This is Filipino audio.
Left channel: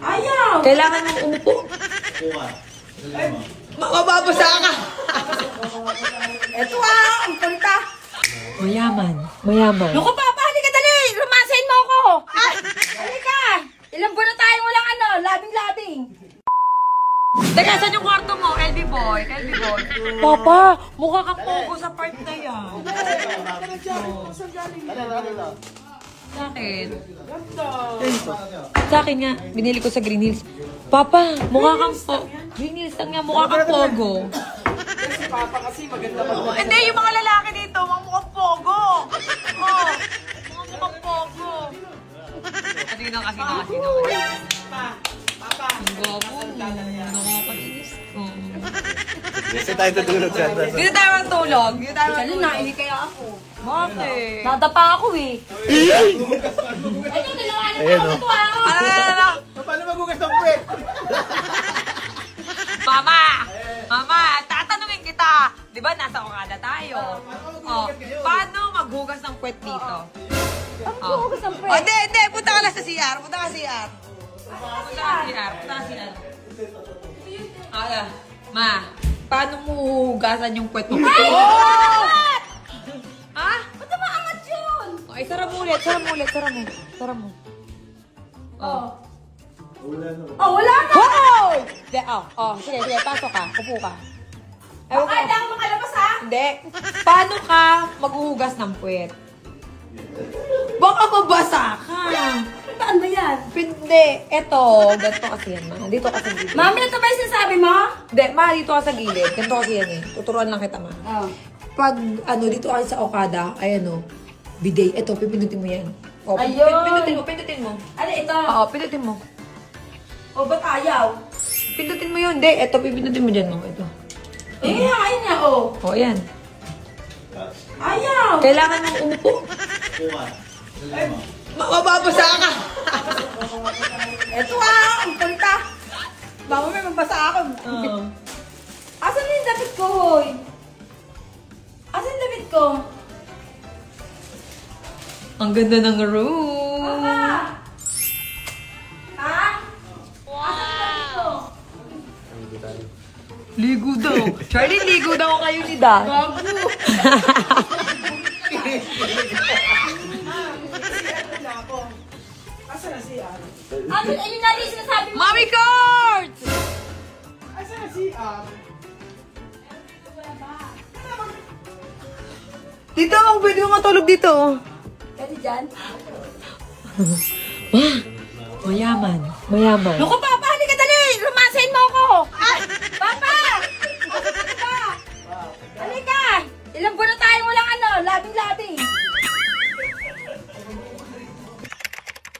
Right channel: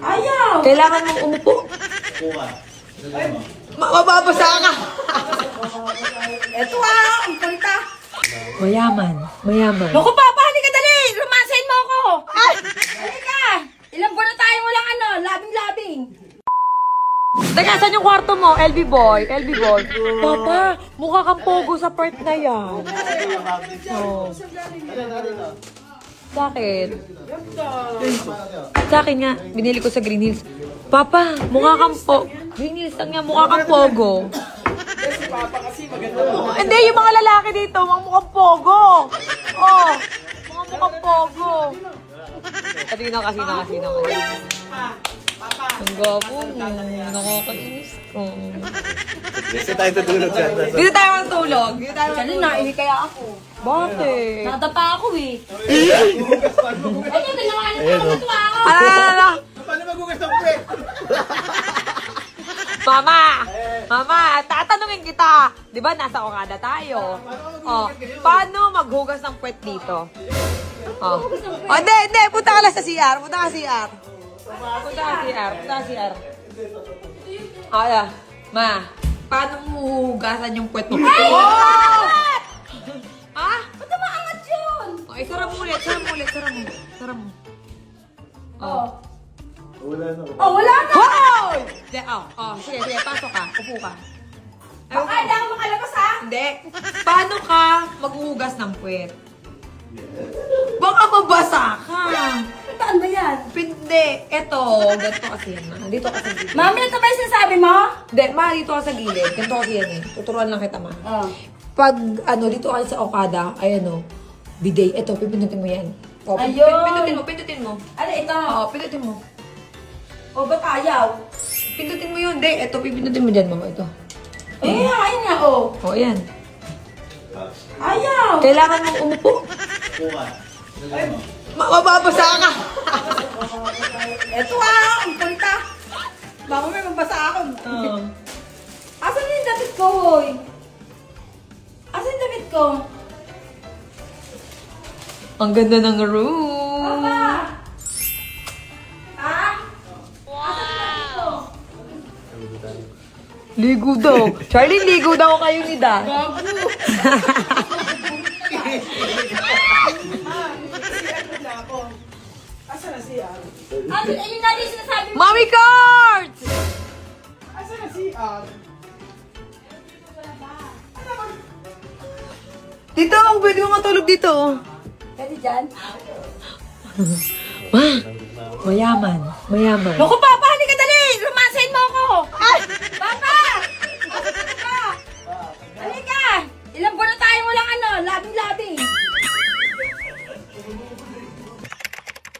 Ayaw! Kailangan mong umupo. Mababasa ka. Eto ang punta. Mayaman. Mayaman. Naku, Papa, halika dali! Rumasain mo ako! Halika! Ilang buwan na tayong walang labing-labing. Teka, saan yung kwarto mo? LB boy. LB boy. Papa, mukha kang pugo sa part na yan. Oh. Bakit? Sa akin nga, binili ko sa Green Hills. Papa, mukha kang Green Hills, saan nga mukha kang pogo? Hindi, yung mga lalaki dito, mga mukhang pogo. Oh, mga mukhang pogo. Kanina kasi ang gwapo mo. Nakakainis. Dito tayo tutulog siya. Dito tayo magtulog. Dito tayo Kali magtulog. na, kaya ako. Bakit? Nadapa ako eh. Ito, tinawanan ko ako ito ako. Paano magugas ng puwet? Mama! Mama, tatanungin kita. Di ba nasa Okada tayo? Oh, paano maghugas ng puwet dito? Ang buhugas ng puwet. Hindi, hindi. Punta ka na sa CR. Punta ka sa CR. Punta ka sa CR. Ayan. Ma, paano mo hugasan yung puwet mo? Ay! Oh! Ha? Ba't maangat yun? Okay, sara mo ulit. Sara mo ulit. Sara mo. Sara mo. Oh. Oh, wala na! Hoy! Sige, sige, sige. Pasok ka. Upo ka. Ay, Baka hindi ako makalabas ha? Hindi. Paano ka maghuhugas ng puwet? Baka mabasa ka. Saan ba yan? Hindi. Eto. Ganito kasi yan, ma. Dito kasi gilid. Mami, ito ba yung sinasabi mo? Hindi, ma. Dito ka sa gilid. Ganito kasi yan eh. Tuturuan lang kita, ma. Oh. Pag, dito ka sa Okada, ay bidet. Eto, pipindutin mo yan. O, Ayun. pindutin mo. Ano ito? Oo, pindutin mo. O, ba't ayaw? Pindutin mo yun. Hindi, eto, pipindutin mo dyan, mama. Ito. Eh, ayun nga, oh. O, yan. Ayaw! Kailangan mong umupo. Mababasa ka. Eto ang punta. Mama, may mabasa ako. Asan na yung damit ko, hoy? Asan yung damit ko? Ang ganda ng room. Mama! Ha? Wow! Ligo daw. Charlie, ligo daw kayo ni Dad. Bago! Asan na siya? Ano, ayun natin yung sinasabi mo. Mommy cards! Asan na siya? Dito, pwede ko matulog dito. Pwede dyan? Ma, mayaman. Mayaman. Naku, Papa!